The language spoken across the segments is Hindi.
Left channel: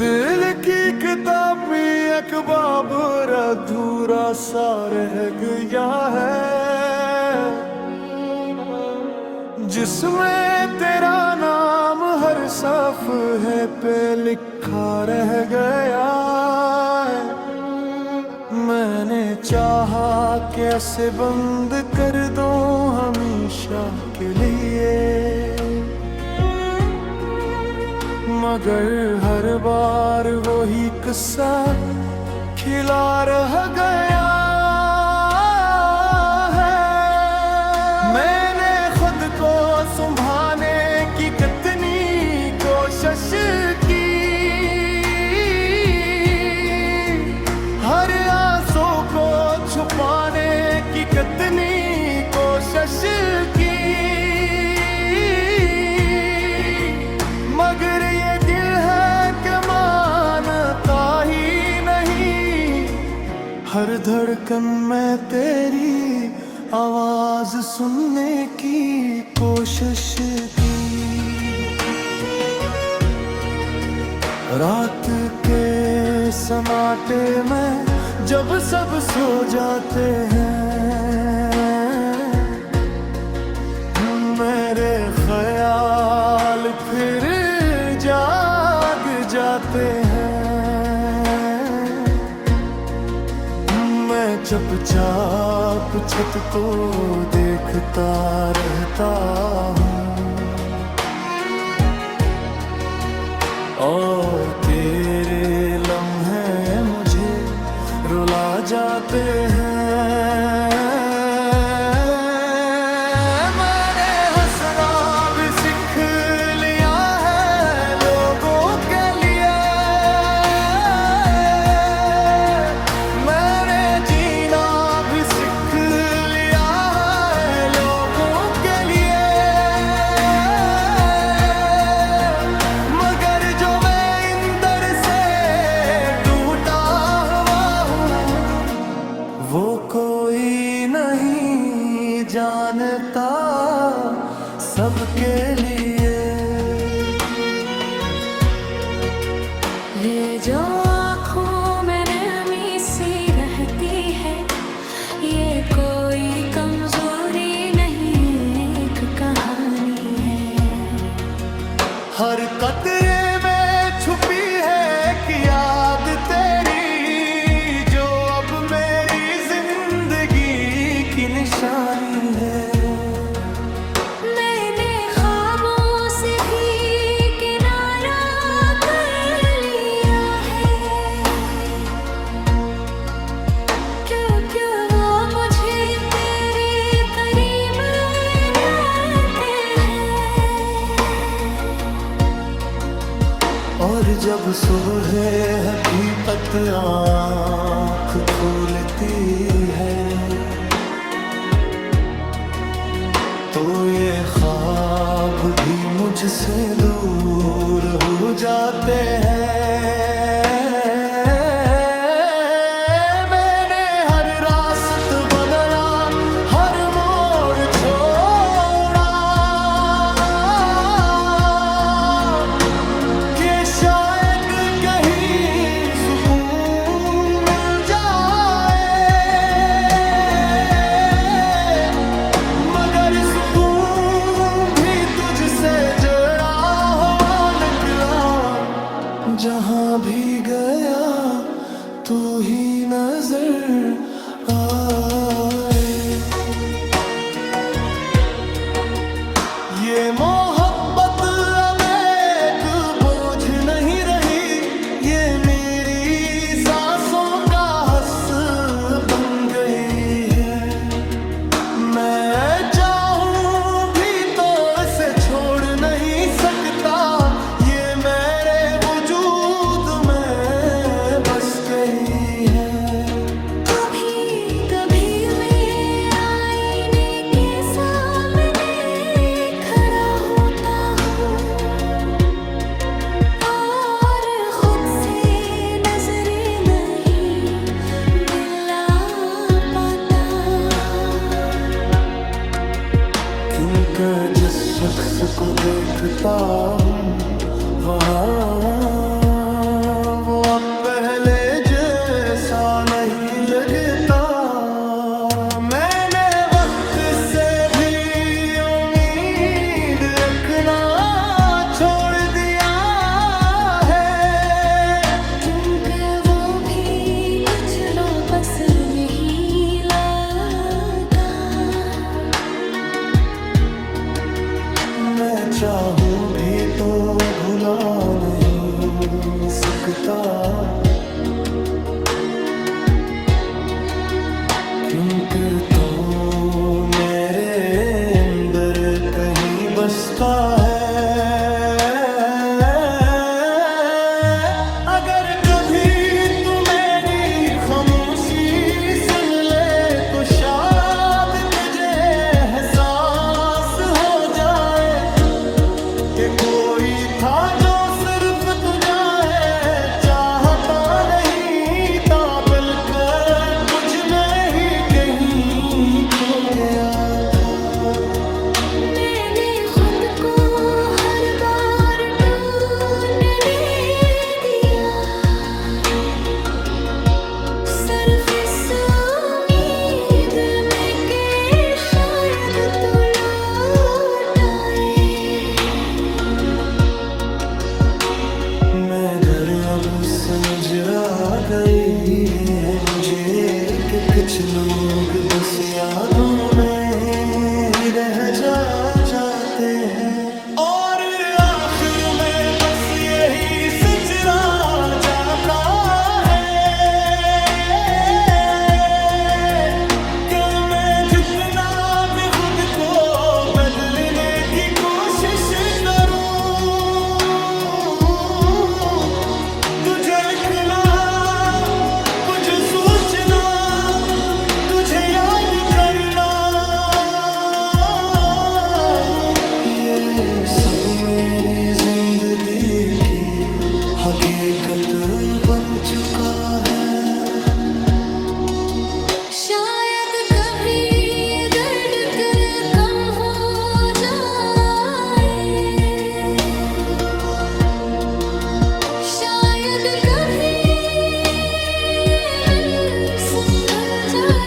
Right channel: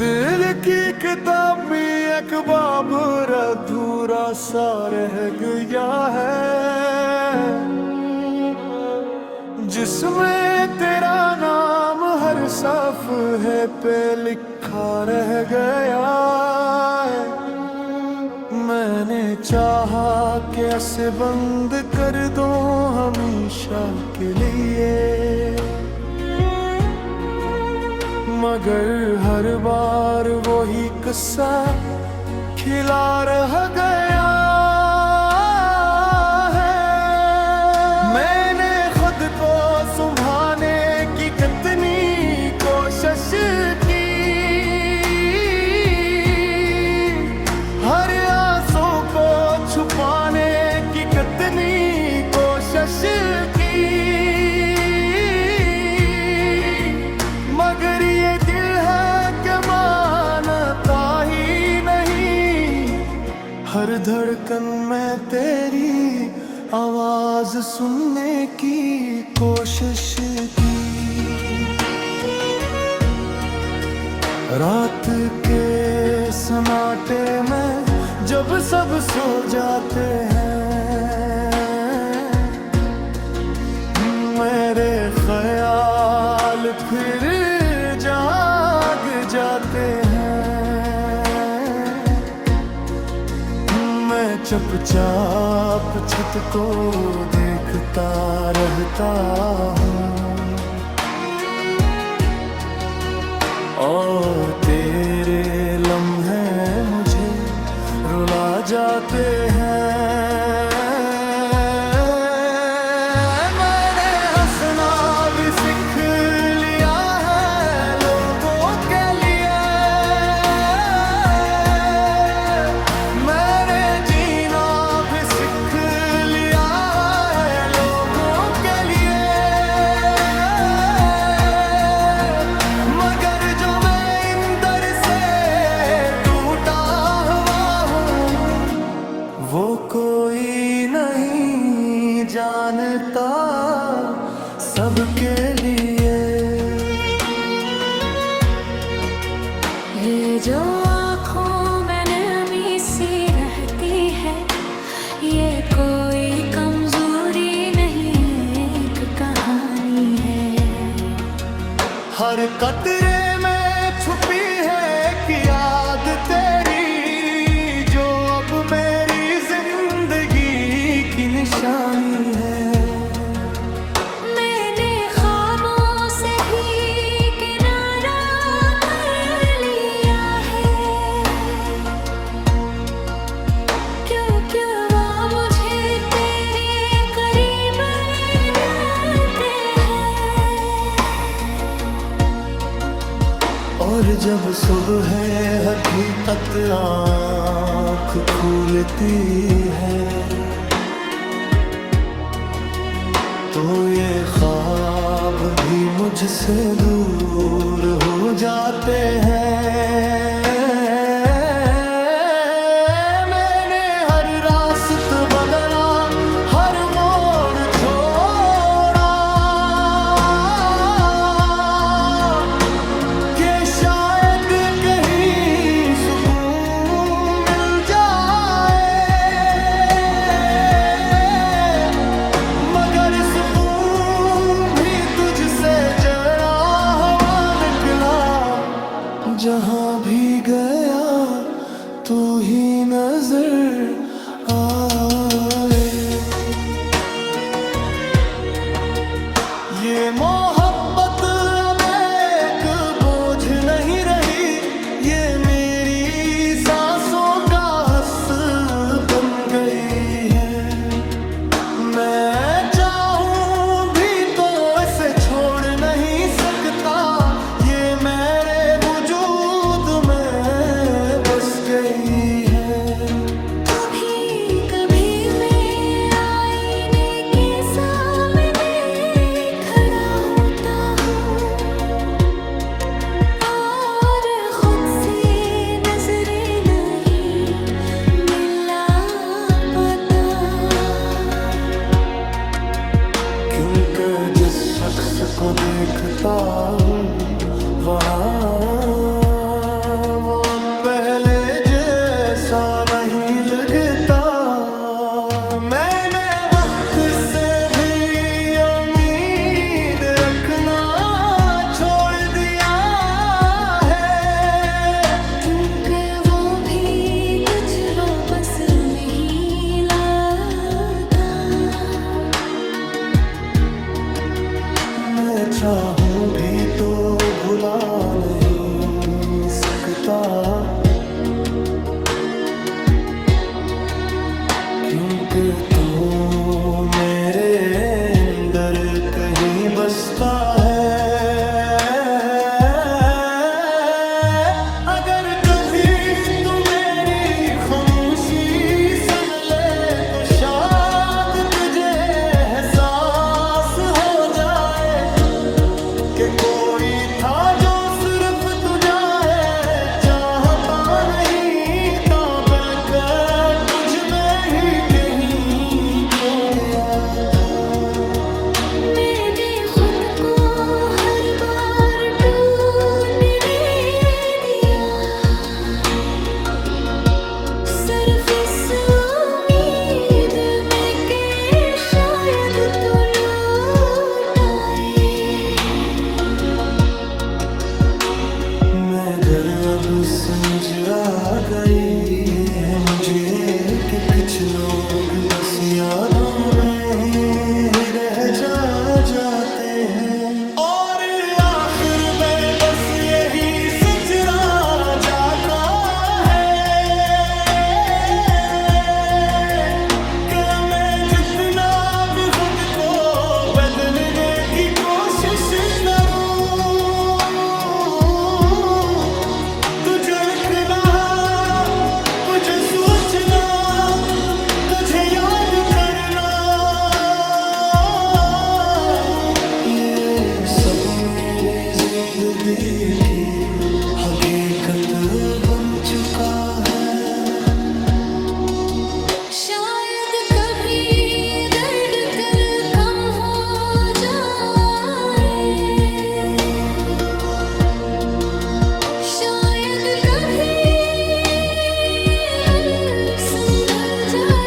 दिल की किताब में एक बाब अधूरा सा रह गया है, जिसमें तेरा नाम हर सफ़े पे लिखा रह गया है। मैंने चाहा कैसे बंद कर दूं हमेशा के लिए, मगर हर बार वही किस्सा खिला रह गया है। मैंने खुद को संभालने की कितनी कोशिश की, हर आंसू को छुपाने की कितनी कोशिश की, मगर ये दिल है कि मानता ही नहीं। हर धड़कन में तेरी आवाज सुनने की कोशिश की। रात के सन्नाटे में जब सब सो जाते हैं, मेरे ख्याल फिर जाग जाते हैं। मैं चुपचाप छत को देखता रहता हूँ, और तेरे लम्हे मुझे रुला जाते हैं। मैंने हंसना भी सीख लिया है लोगों के लिए, मैंने जीना भी सीख लिया है लोगों के लिए, मगर जो मैं अंदर से टूटा हुआ हूँ, वो कोई नहीं जानता सबके लिए। ये जो आँखों में नमी सी रहती है, ये कोई कमजोरी नहीं, एक कहानी है। हर कतरे में छुपी है कि याद तेरी, जो अब मेरी जिंदगी की निशानी है। मैंने ख्वाबों से भी किनारा कर लिया है, क्योंकि वो मुझे तेरे करीब रहते हैं। और जब सुबह हकीकत आँख खुलती है, तो ये ख्वाब भी मुझसे दूर हो जाते हैं। मैंने हर रास्ता बदला, हर मोड़ छोड़ा, कि शायद कहीं सुकून मिल जाए, मगर सुकून भी तुझसे जड़ा हुआ निकला। जहाँ भी गया तू ही नजर आए। ये मोहब्बत अब एक बोझ नहीं रही, ये मेरी सांसों का हस्स बन गई है। मैं चाहूं भी तो इसे छोड़ नहीं सकता, ये मेरे वजूद में बस गई है। कभी कभी मैं आईने के सामने खड़ा हूँ क्योंकि जिस शख्स को देखता हूँ वहाँ वो अब पहले जैसा नहीं लगता। मैंने वक्त से भी उम्मीद रखना छोड़ दिया है, क्योंकि वो भी कुछ लो बस नहीं लगा। मैं चाहूं भी तो भुला नहीं सकता, क्योंकि तो मेरे अंदर कहीं बसता है। अगर कभी तू मेरी खामोशी सुन ले तो शायद तुझे एहसास हो जाए कि कोई था जो सिर्फ तुझा है चाहता नहीं था, बल्कि मुझ में ही कहीं खो गया था। मैंने खुद को हर बार टूटने दिया, सिर्फ इस उम्मीद में कि शायद तू लौट आए। मैं घर अब समझ आ गई है मुझे कि कुछ लोग बस यादों में रह जाते हैं, और आखिर में बस यही सच रह जाता है कि मैं जितना भी खुद को बदलने की कोशिश करूं, तुझे लिखना, तुझे सोचना, तुझे याद करना, ये सब मेरी जिंदगी की हकीकत बन चुका है। शायद कभी ये दर्द तेरे कम हो जाए, शायद कभी दिल संभल जाए।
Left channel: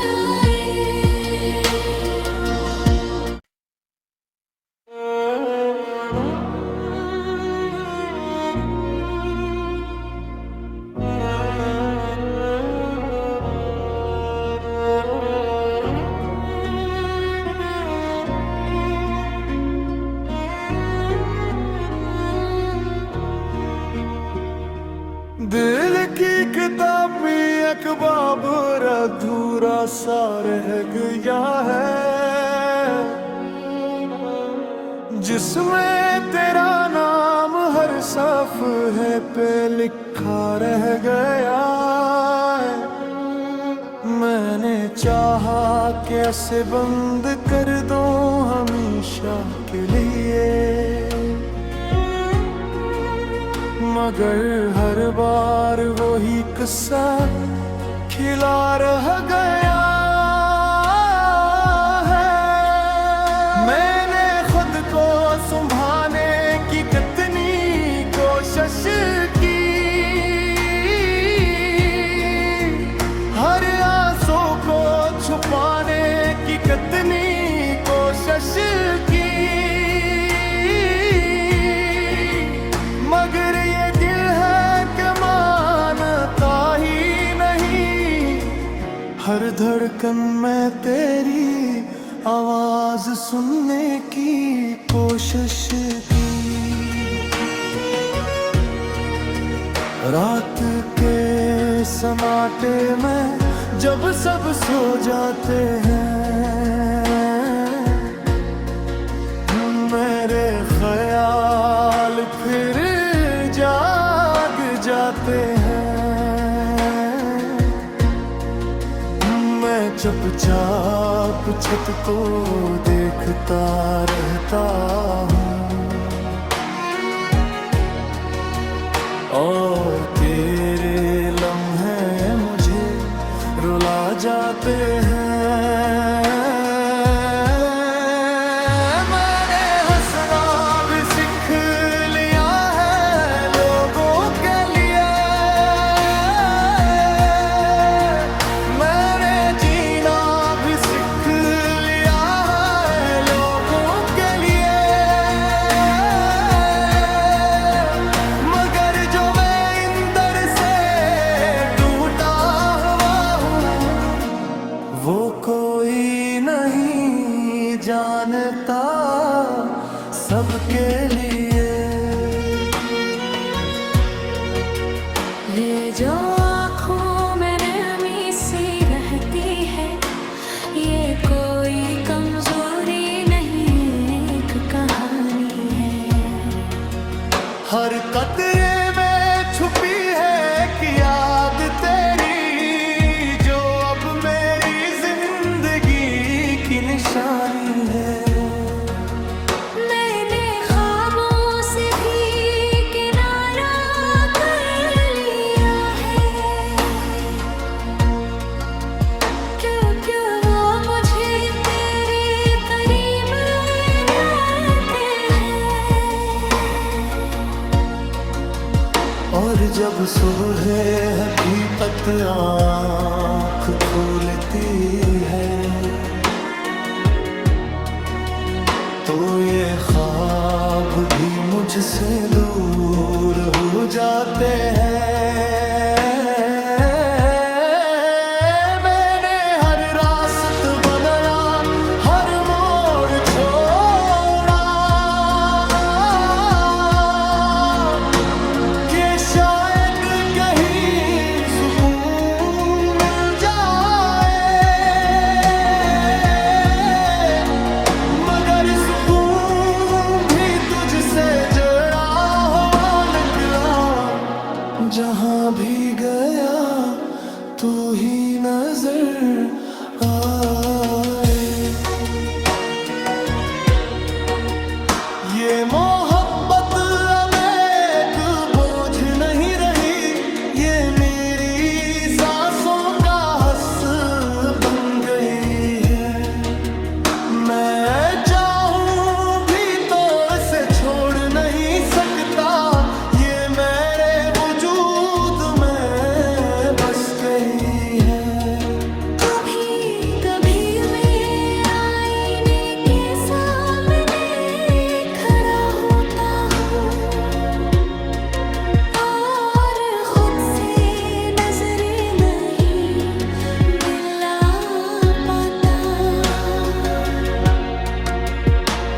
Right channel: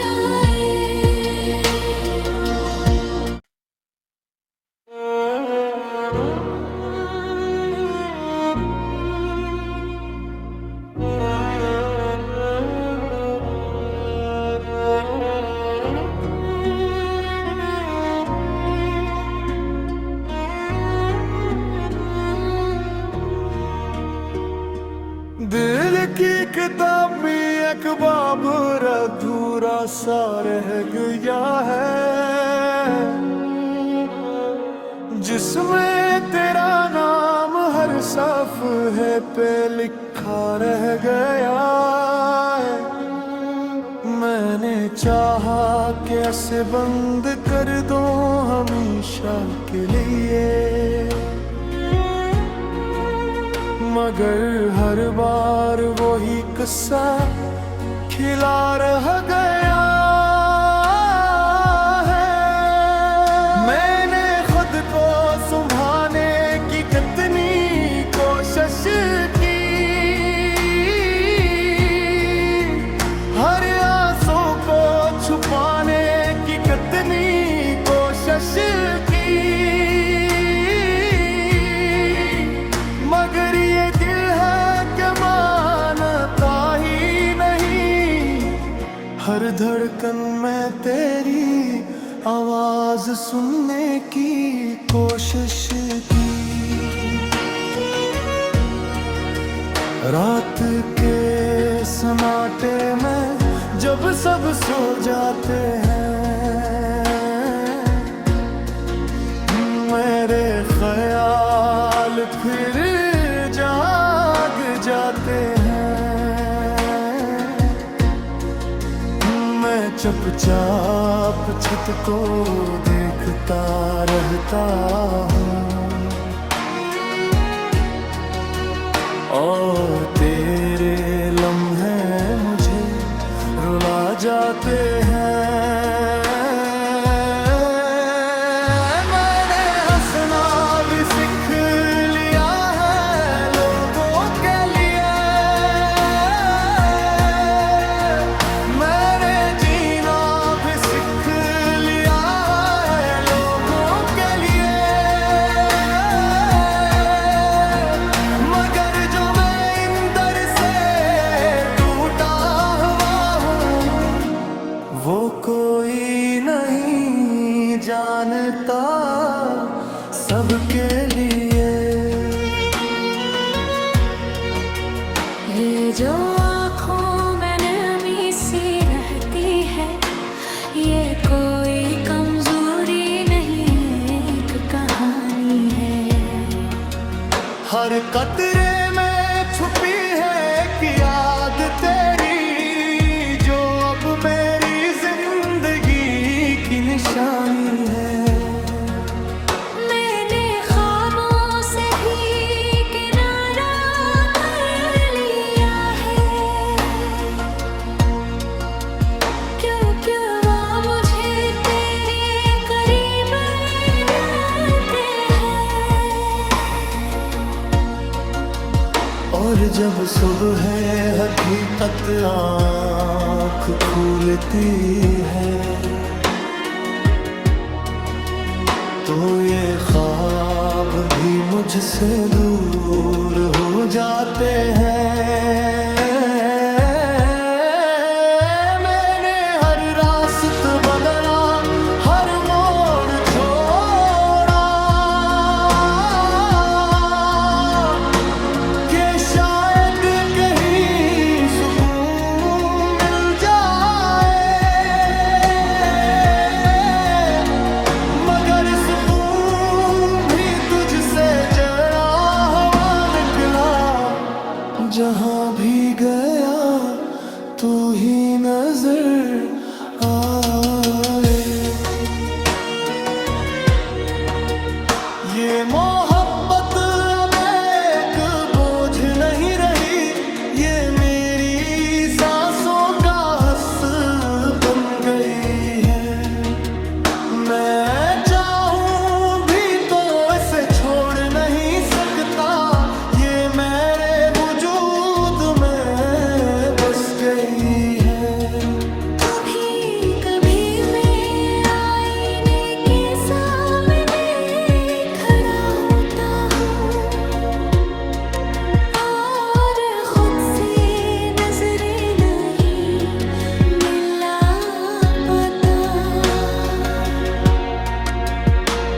दिल की किताब में एक बाब अधूरा सा रह गया है, जिसमें तेरा नाम हर सफ़हे पे लिखा रह गया है। मैंने चाहा कैसे बंद कर दूं हमेशा के लिए, मगर हर बार वही किस्सा खिला रह गया है। मैंने खुद को संभालने की कितनी कोशिश की, हर आंसू को छुपाने की कितनी कोशिश की, मगर ये दिल है कि मानता ही नहीं। हर धड़कन में तेरी आवाज सुनने की कोशिश की, रात के समाटे में जब सब सो जाते हैं, मेरे ख्याल फिर जाग जाते हैं। मैं चुपचाप छत को देखता रहता हूँ, और तेरे लम्हे मुझे रुला जाते हैं। जानता सबके लिए। ये जो आँखों में नमी सी रहती है, ये कोई कमजोरी नहीं, एक कहानी है। हर कतरे में छुपी है कि याद तेरी, जो अब मेरी जिंदगी की निशानी है। मैंने ख्वाबों से भी किनारा कर लिया है, क्योंकि वो मुझे तेरे करीब रहते हैं। और जब सुबह हकीकत आँख खुलती है, तो ये ख्वाब भी मुझसे दूर हो जाते हैं। मैंने हर रास्ता बदला, हर मोड़ छोड़ा, कि शायद कहीं सुकून मिल जाए, मगर सुकून भी तुझसे जड़ा हुआ निकला। जहां भी गया तू ही नजर आए। ये मोहब्बत अब एक बोझ नहीं रही, ये मेरी सांसों का हस बन गई है। मैं चाहूं भी तो इसे छोड़ नहीं सकता, ये मेरे वजूद में बस गई है। कभी कभी मैं आईने के सामने खड़ा होता हूँ, और खुद से नजरें नहीं मिला पाता,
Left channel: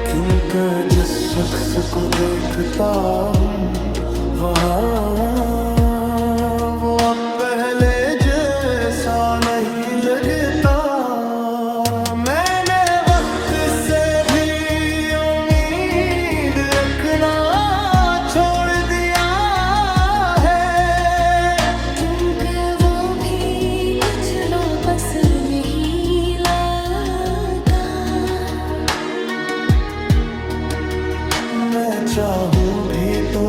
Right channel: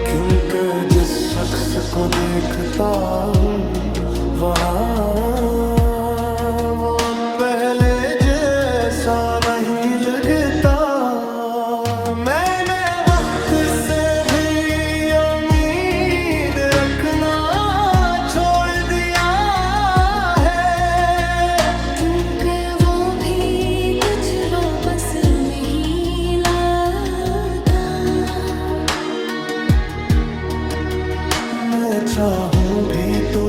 क्योंकि जिस शख्स को देखता हूँ वहाँ वो अब पहले जैसा नहीं लगता। मैंने वक्त से भी उम्मीद रखना छोड़ दिया है, क्योंकि वो भी कुछ लो बस नहीं लगा। मैं चाहूं भी तो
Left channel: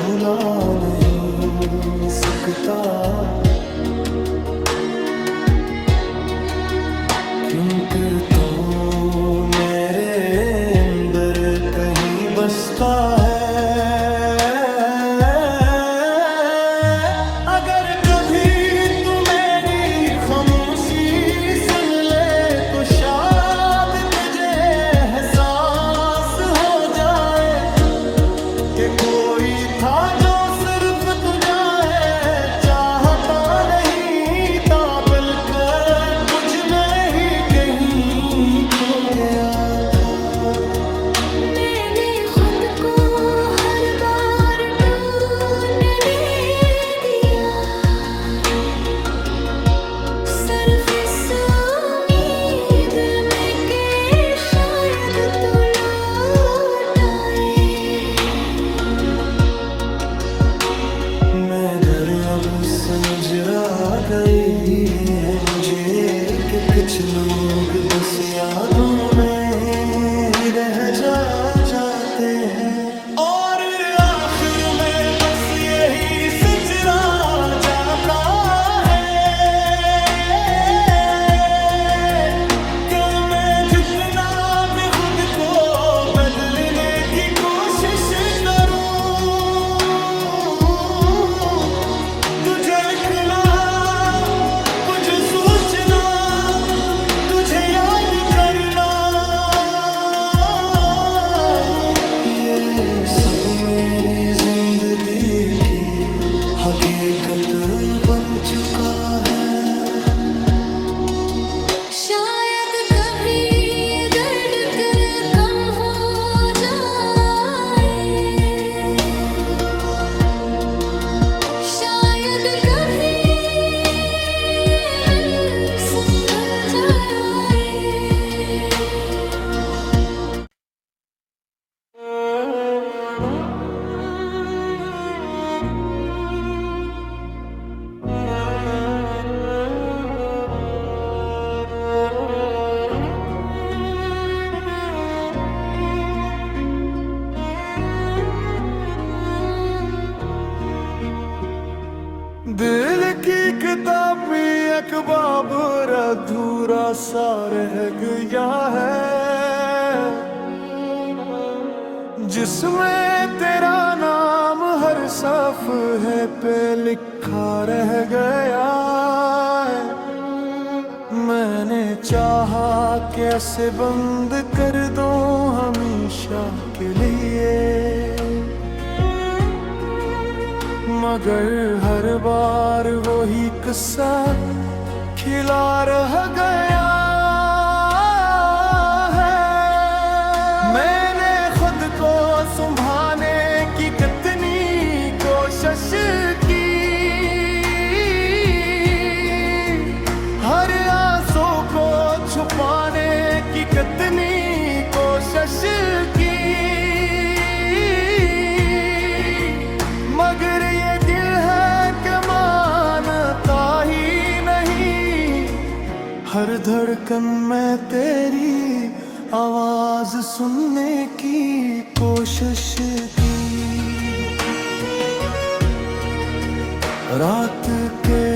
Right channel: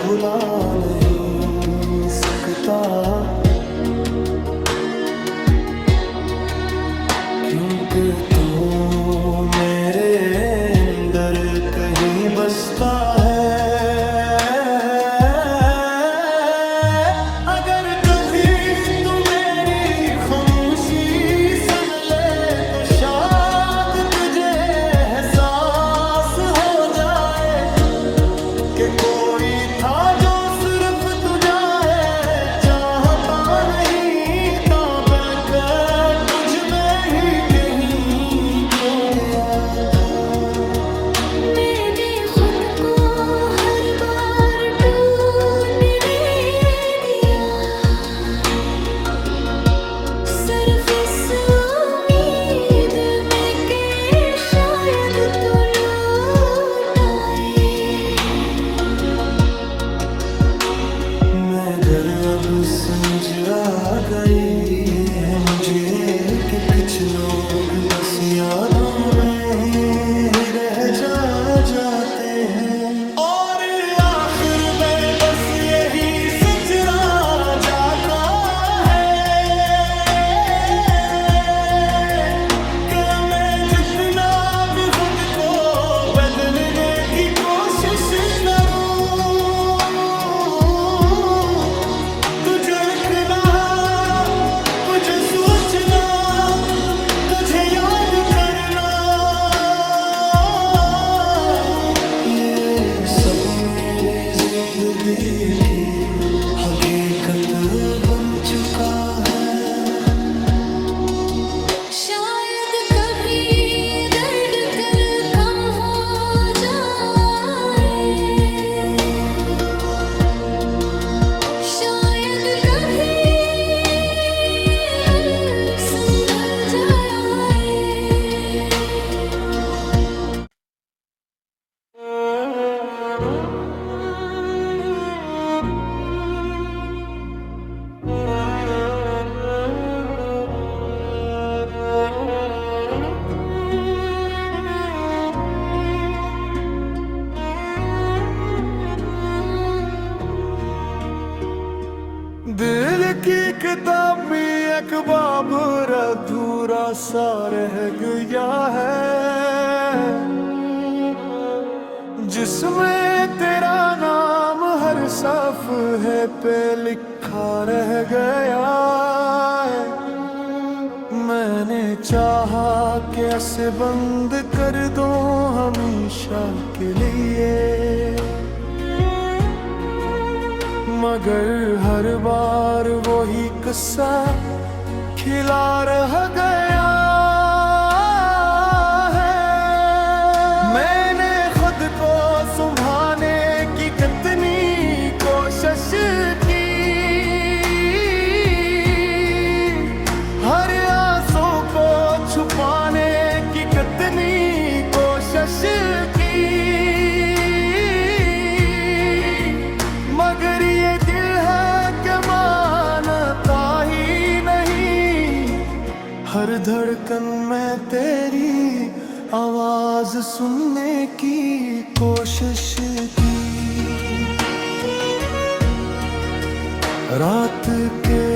भुला नहीं सकता, क्योंकि तो मेरे अंदर कहीं बसता है। अगर कभी तू मेरी खामोशी सुन ले, तो शायद तुझे एहसास हो जाए कि कोई था जो सिर्फ तुझा है चाहता नहीं था, बल्कि मुझ में ही कहीं खो गया था। मैंने खुद को हर बार टूटने दिया, सिर्फ इस उम्मीद में कि शायद तू लौट आए। मैं घर अब समझ आ गई है मुझे कि कुछ लोग बस यादों में रह जाते हैं, और आखिर में बस यही सच रह जाता है कि मैं जितना भी खुद को बदलने की कोशिश करूं, झलकना तुझे सूचना, तुझे याद करना, ये सब मेरी जिंदगी की हकीकत बन चुका है। शायद कभी ये दर्द तेरे दिल की किताब में एक बाब अधूरा सा रह गया है, जिसमें तेरा नाम हर सफ़े पे लिखा रह गया है। मैंने चाहा कैसे बंद कर दूं हमेशा के लिए, मगर हर बार वही किस्सा खिला रह गया है। मैंने खुद को संभालने की कितनी कोशिश की, हर आंसू को छुपाने की कितनी कोशिश की, मगर ये दिल है कि मानता ही नहीं। हर धड़कन में तेरी आवाज सुनने की कोशिश की। रात के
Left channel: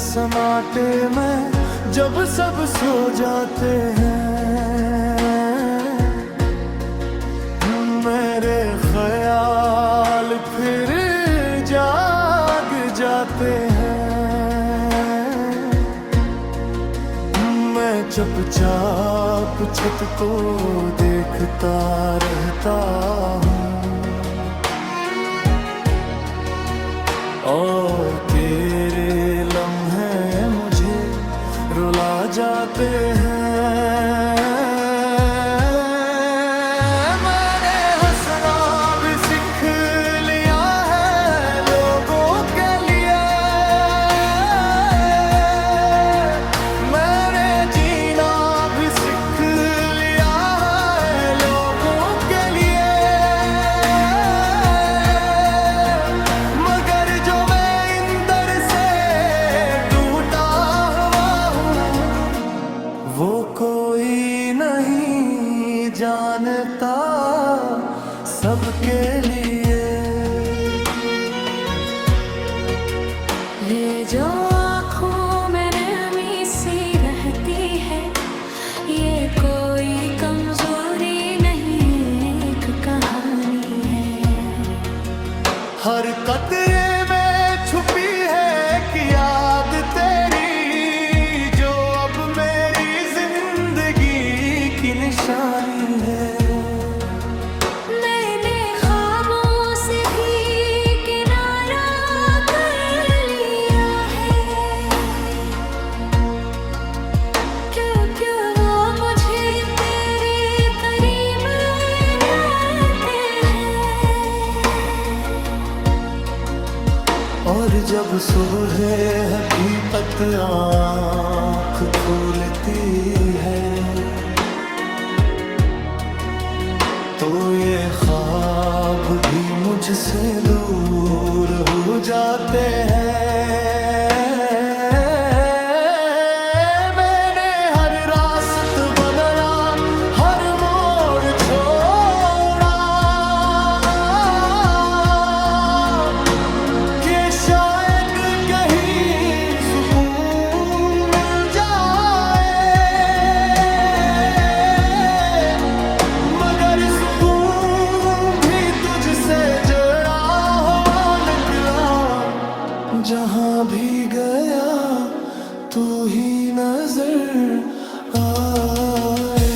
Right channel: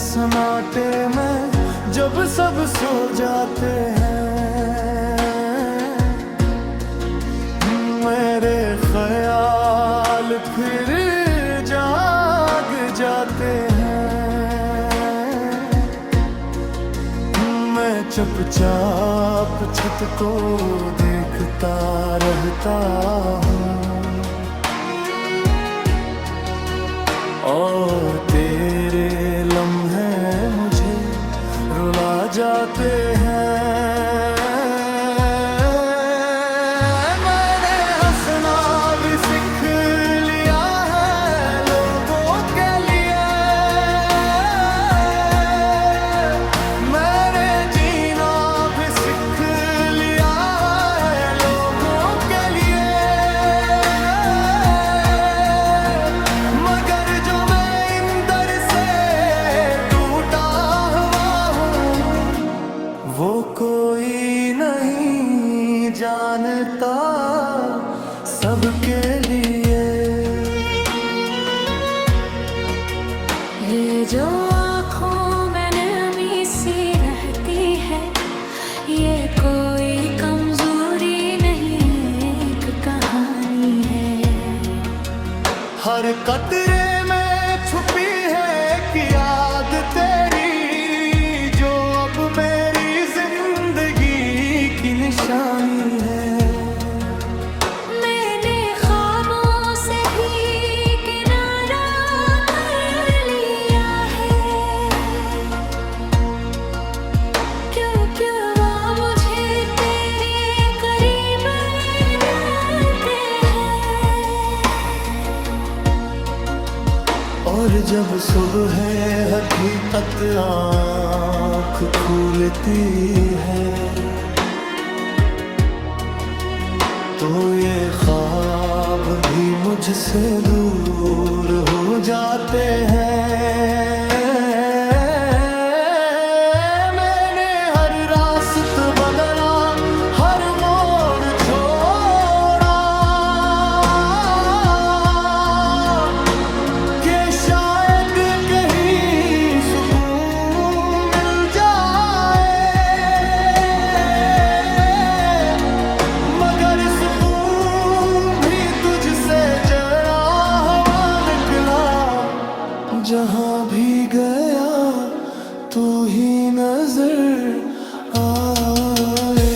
सन्नाटे में जब सब सो जाते हैं, मेरे ख्याल फिर जाग जाते हैं। मैं चुपचाप छत को देखता रहता हूँ, और तेरे लम्हे मुझे रुला जाते हैं। मैंने हंसना भी सीख लिया है लोगों के लिए, मैंने जीना भी सीख लिया है लोगों के लिए, मगर जो मैं अंदर से टूटा हुआ हूँ, वो कोई नहीं जानता सबके लिए। ये जो आँखों में नमी सी रहती है, ये कोई कमजोरी नहीं, एक कहानी है। हर कतरे में छुपी है कि याद तेरी, जो अब मेरी जिंदगी की निशानी है। मैंने ख्वाबों से भी किनारा कर लिया है, क्योंकि वो मुझे तेरे करीब रहते हैं। और जब सुबह हकीकत आँख खुलती है, तो ये ख्वाब भी मुझसे दूर हो जाते हैं। मैंने हर रास्ता बदला, हर मोड़ छोड़ा, कि शायद कहीं सुकून मिल जाए, मगर सुकून भी तुझसे जड़ा हुआ निकला। जहां भी गया तू ही नजर आए।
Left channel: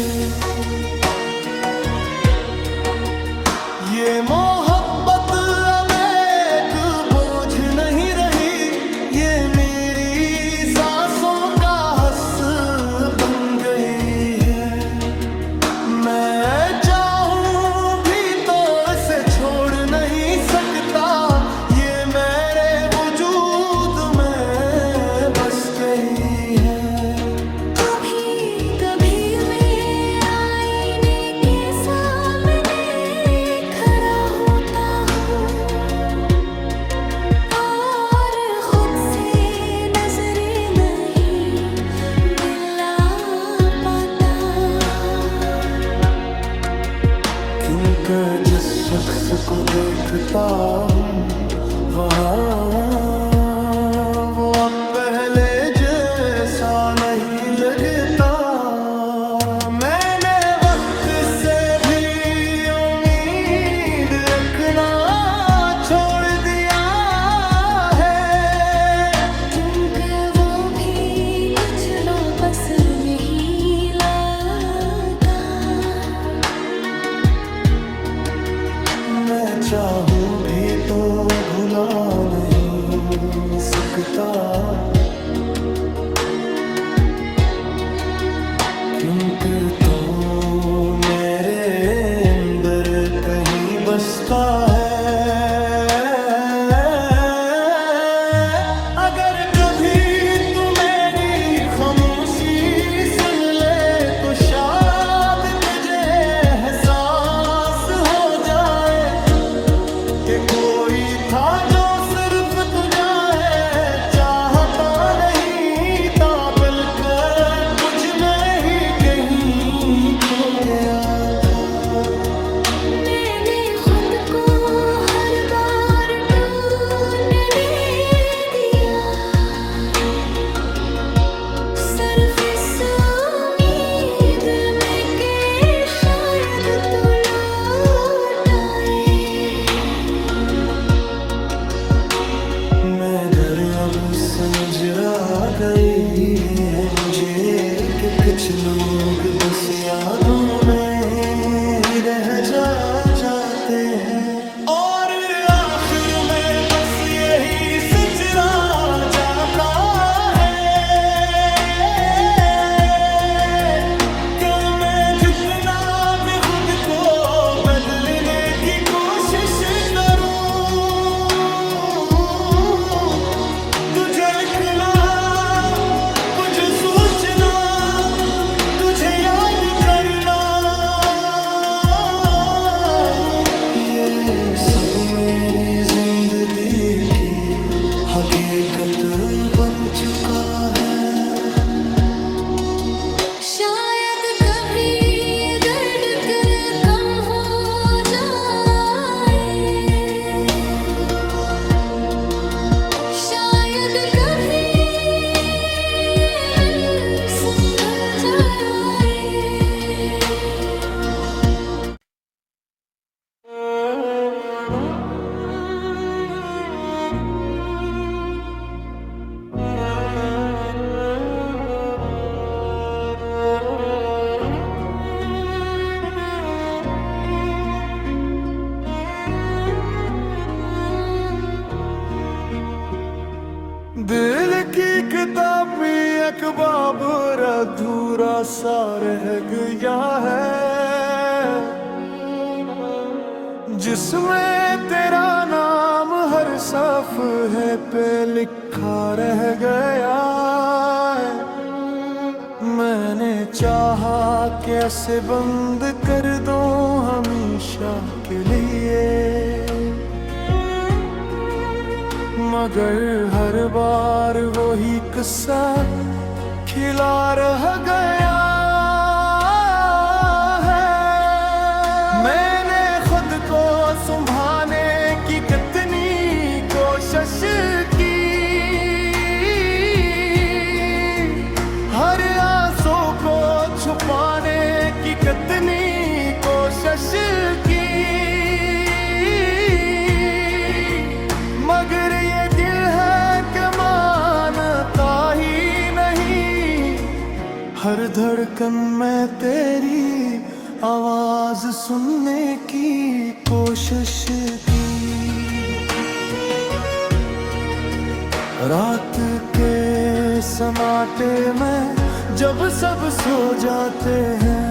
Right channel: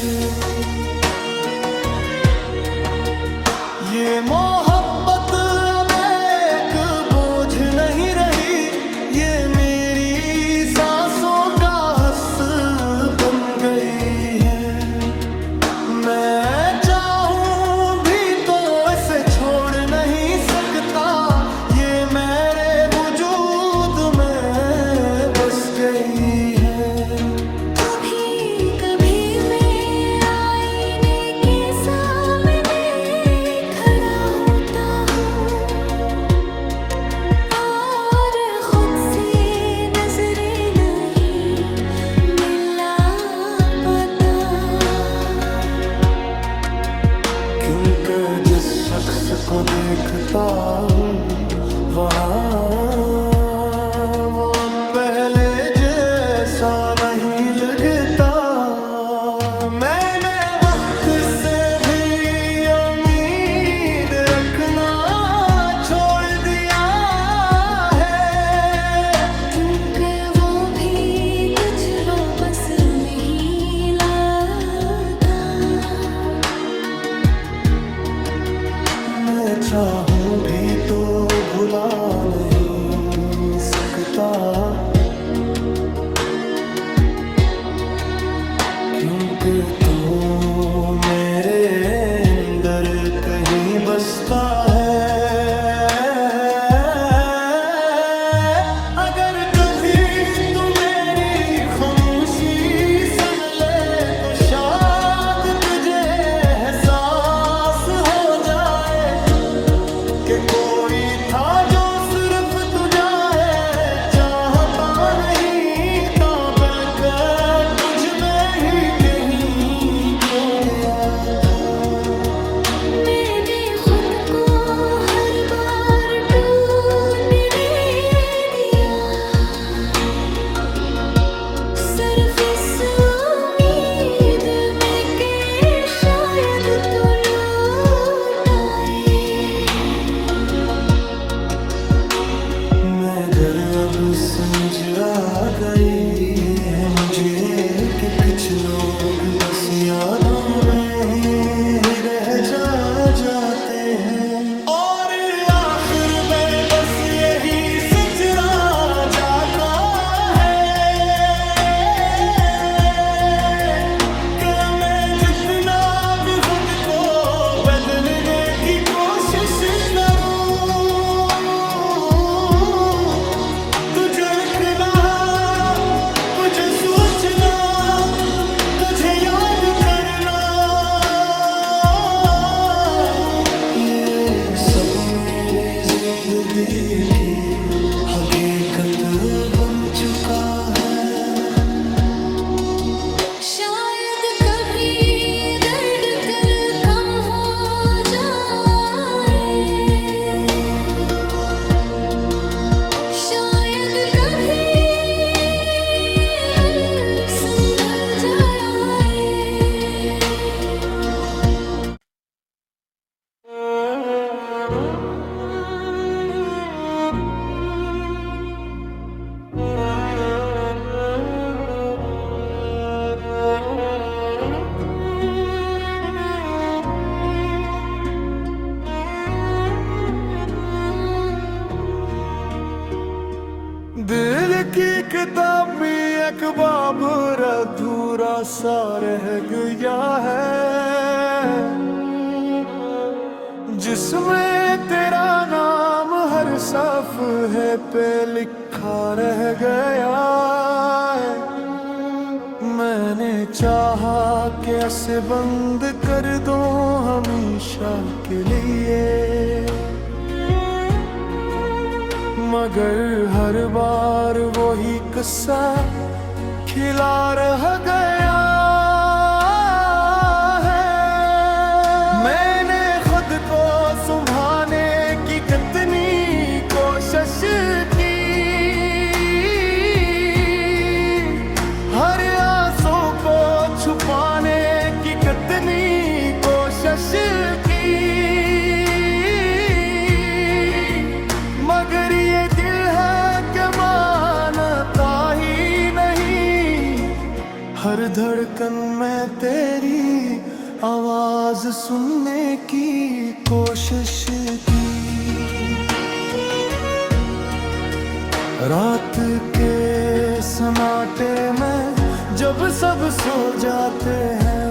ये मोहब्बत अब एक बोझ नहीं रही, ये मेरी सांसों का हस बन गई है। मैं चाहूं भी तो इसे छोड़ नहीं सकता, ये मेरे वजूद में बस गई है। कभी कभी मैं आईने के सामने खड़ा हूँ क्योंकि जिस शख्स को देखता हूँ वहाँ वो अब पहले जैसा नहीं लगता। मैंने वक्त से भी उम्मीद रखना छोड़ दिया है, क्योंकि वो भी कुछ लो बस नहीं लगा। मैं चाहूं भी तो भुला नहीं सकता, क्योंकि तो मेरे अंदर कहीं बसता है। अगर कभी तू मेरी खामोशी सुन ले तो शायद तुझे एहसास हो जाए कि कोई था जो सिर्फ तुझा है चाहता नहीं था, बल्कि मुझ में ही कहीं खो गया था। मैंने खुद को हर बार टूटने दिया, सिर्फ इस उम्मीद में कि शायद तू लौट आए। मैं घर अब समझ आ गई है मुझे कि कुछ लोग बस यादों में ही रह जाते हैं, और आखिर में बस यही सच रह जाता है कि मैं जितना भी खुद को बदलने की कोशिश करूं, झलकना तुझे सोचना तुझे याद करना, ये सब मेरी जिंदगी की हकीकत बन चुका है। शायद कभी ये दर्द तेरे कम हो जाए, शायद कभी दिल संभल जाए। दिल की किताब में एक बाब अधूरा सा रह गया है, जिसमें तेरा नाम हर सफ़े पे लिखा रह गया है। मैंने चाहा कैसे बंद कर दूं हमेशा के लिए, मगर हर बार वही किस्सा खिला रह गया है। मैंने खुद को संभालने की कितनी कोशिश की, हर आंसू को छुपाने की कितनी कोशिश की, मगर ये दिल है कि मानता ही नहीं। हर धड़कन में तेरी आवाज सुनने की कोशिश की, रात के सन्नाटे में जब सब सो जाते हैं,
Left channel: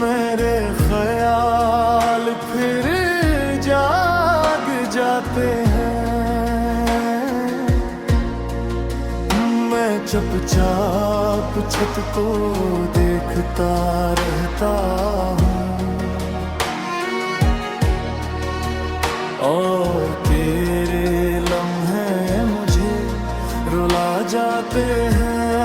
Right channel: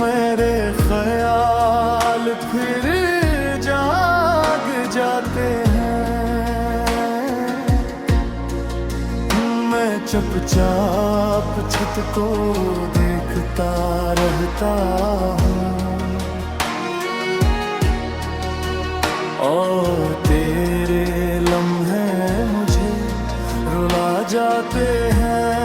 मेरे ख्याल फिर जाग जाते हैं। मैं चुपचाप छत को देखता रहता हूँ, और तेरे लम्हे मुझे रुला जाते हैं।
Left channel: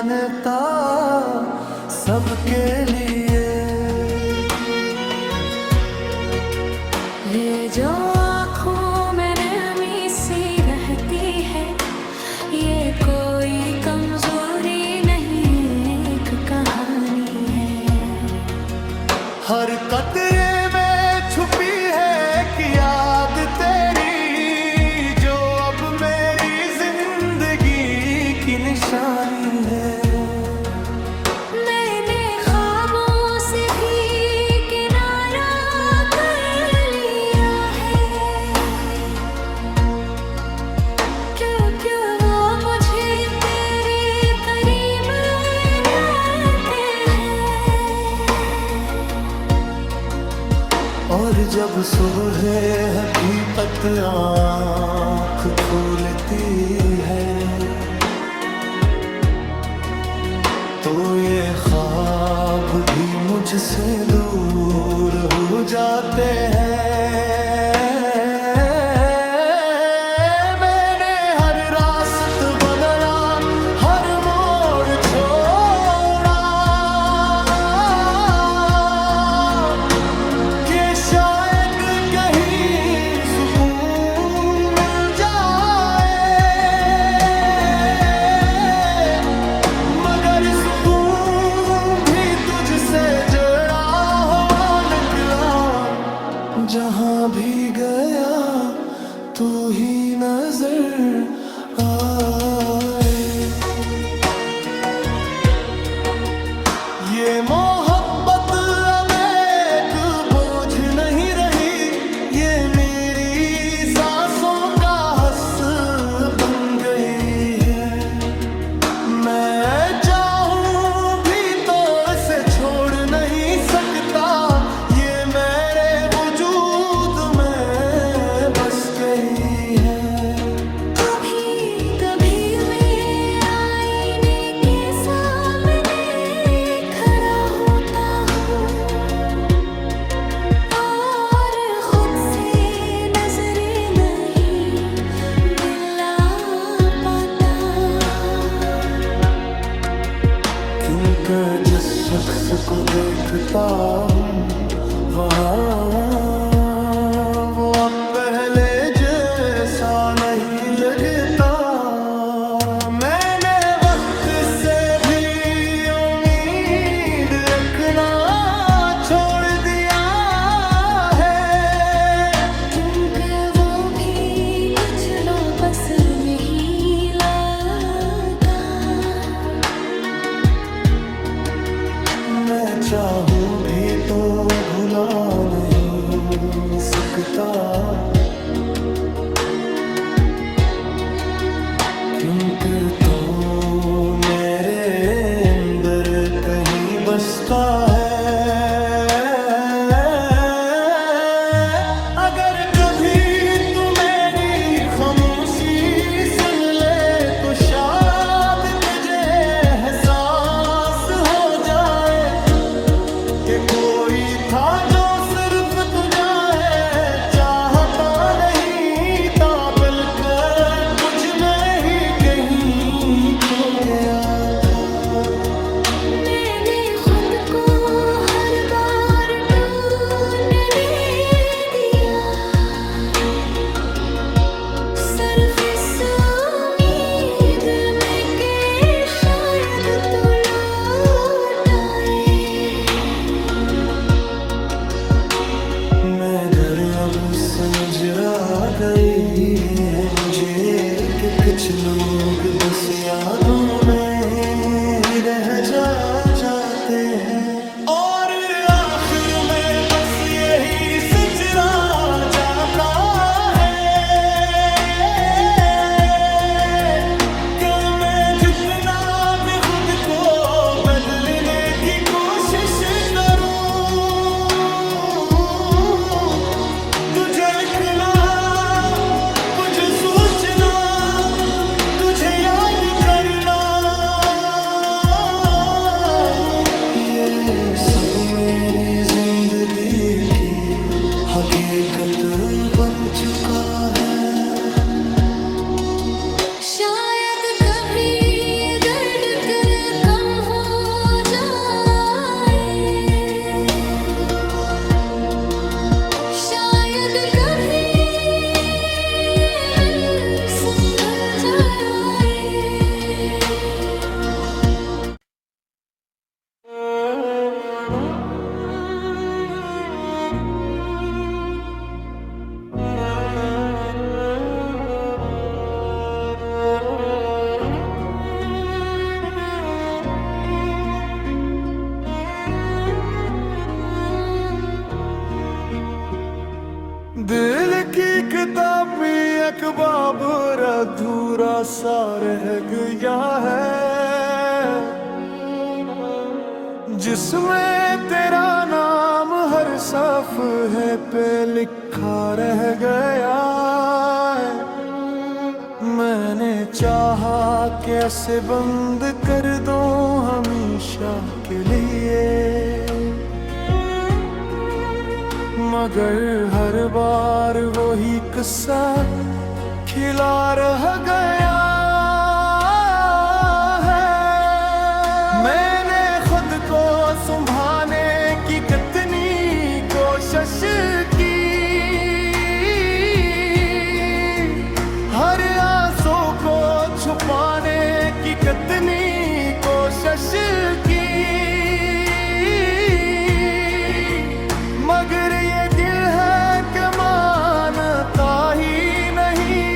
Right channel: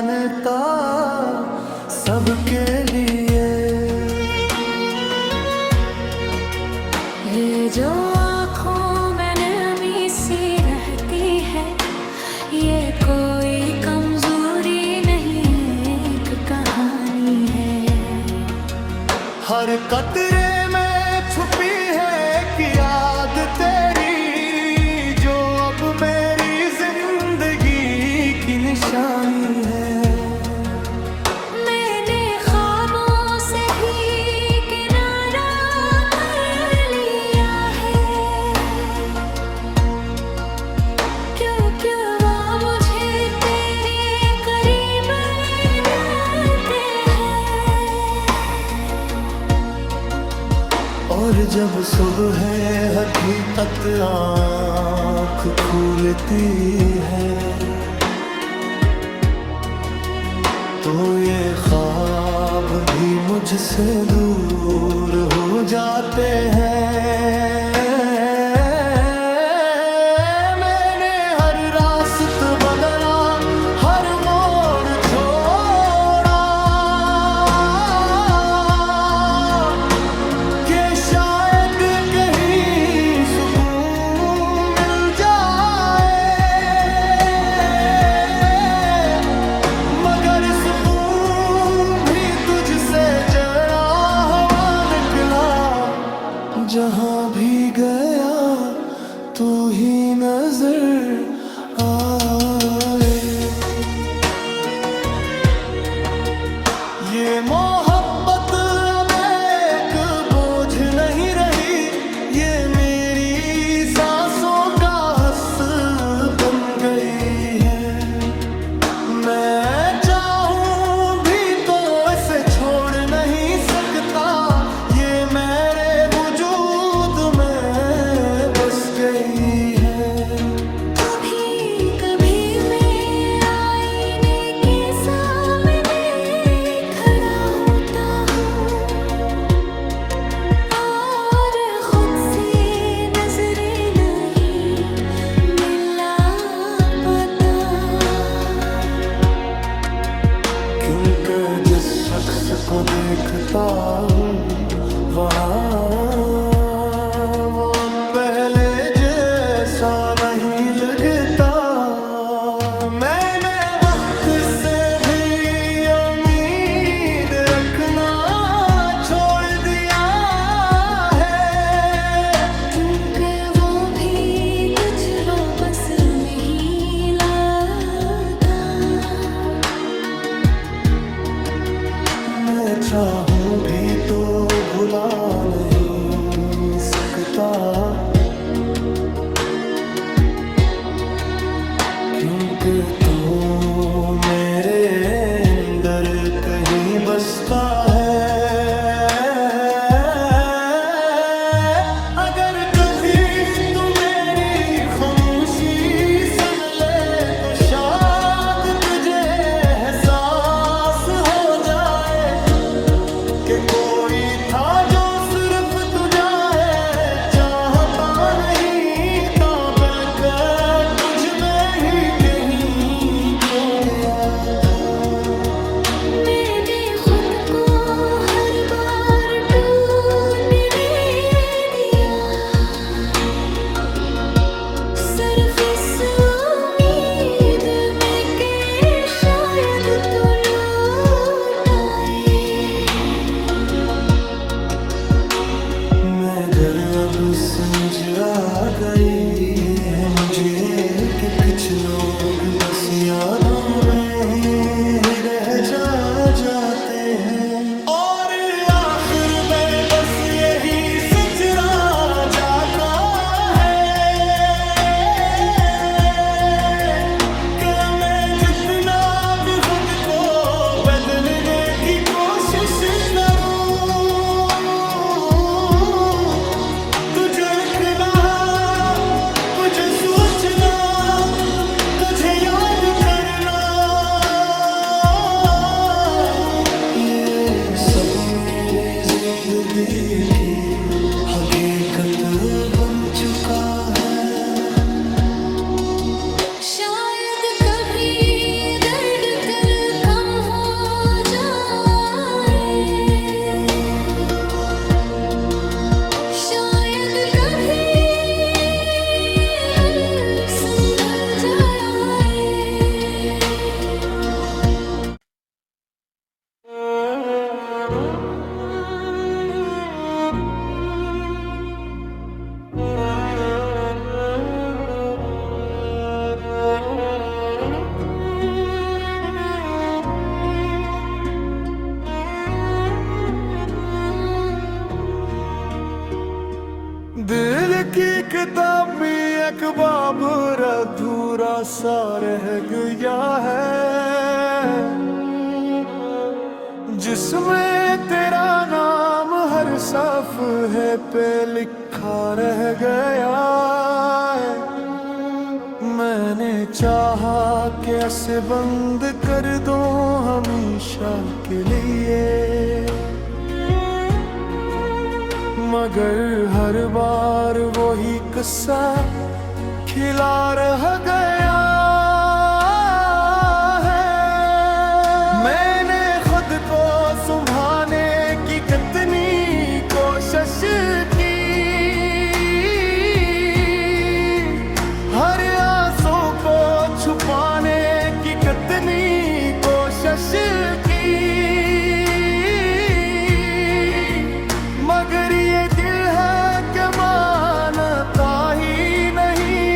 जानता सबके लिए। ये जो आँखों में नमी सी रहती है, ये कोई कमजोरी नहीं, एक कहानी है। हर कतरे में छुपी है कि याद तेरी, जो अब मेरी जिंदगी की निशानी है। मैंने ख्वाबों से भी किनारा कर लिया है, क्योंकि वो मुझे तेरे करीब रहते हैं। और जब सुबह हकीकत आँख खुलती है, तो ये ख्वाब भी मुझसे दूर हो जाते हैं। मैंने हर रास्ता बदला, हर मोड़ छोड़ा, कि शायद कहीं सुकून मिल जाए, मगर सुकून भी तुझसे जड़ा हुआ निकला। जहां भी गया तू ही नजर आए। ये मोहब्बत अब एक बोझ नहीं रही, ये मेरी सांसों का हस बन गई है। मैं चाहूं भी तो इसे छोड़ नहीं सकता, ये मेरे वजूद में बस गई है। कभी कभी मैं आईने के सामने खड़ा होता हूँ, और खुद से नजरें नहीं मिला पाता, क्योंकि जिस शख्स को देखता हूँ वहाँ वो अब पहले जैसा नहीं लगता। मैंने वक्त से भी उम्मीद रखना छोड़ दिया है, क्योंकि वो भी कुछ लो बस नहीं लगा। मैं चाहूं भी तो भुला नहीं सकता, क्योंकि तो मेरे अंदर कहीं बसता है। अगर कभी तू मेरी खामोशी सुन ले, तो शायद तुझे एहसास हो जाए कि कोई था जो सिर्फ तुझा है चाहता नहीं था, बल्कि मुझ में ही कहीं खो गया था। मैंने खुद को हर बार टूटने दिया, सिर्फ इस उम्मीद में कि शायद तू लौट आए। मैं घर अब समझ आ गई है मुझे कि कुछ लोग बस यादों में रह जाते हैं, और आखिर में बस यही सच रह जाता है कि मैं जितना भी खुद को बदलने की कोशिश करूं, तुझे लिखना, तुझे सोचना, तुझे याद करना, ये सब मेरी जिंदगी की हकीकत बन चुका है। शायद कभी ये दर्द तेरे दिल की किताब में एक बाब अधूरा सा रह गया है, जिसमें तेरा नाम हर सफ़े पे लिखा रह गया है। मैंने चाहा कैसे बंद कर दूं हमेशा के लिए, मगर हर बार वही किस्सा खिला रह गया है। मैंने खुद को संभालने की कितनी कोशिश की, हर आंसू को छुपाने की कितनी कोशिश की, मगर ये दिल है कि मानता ही नहीं।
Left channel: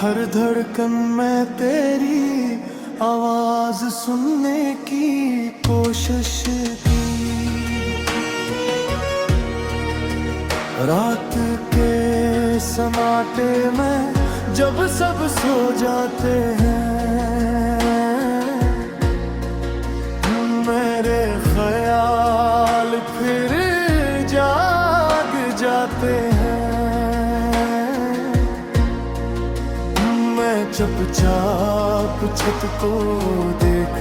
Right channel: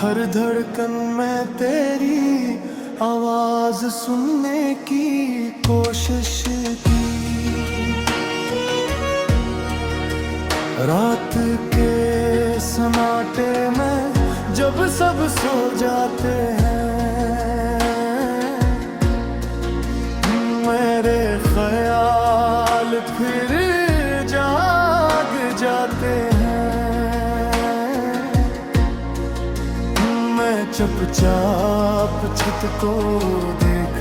हर धड़कन में तेरी आवाज सुनने की कोशिश की। रात के सन्नाटे में जब सब सो जाते हैं, मेरे ख्याल फिर जाग जाते हैं। मैं चुपचाप छत को देख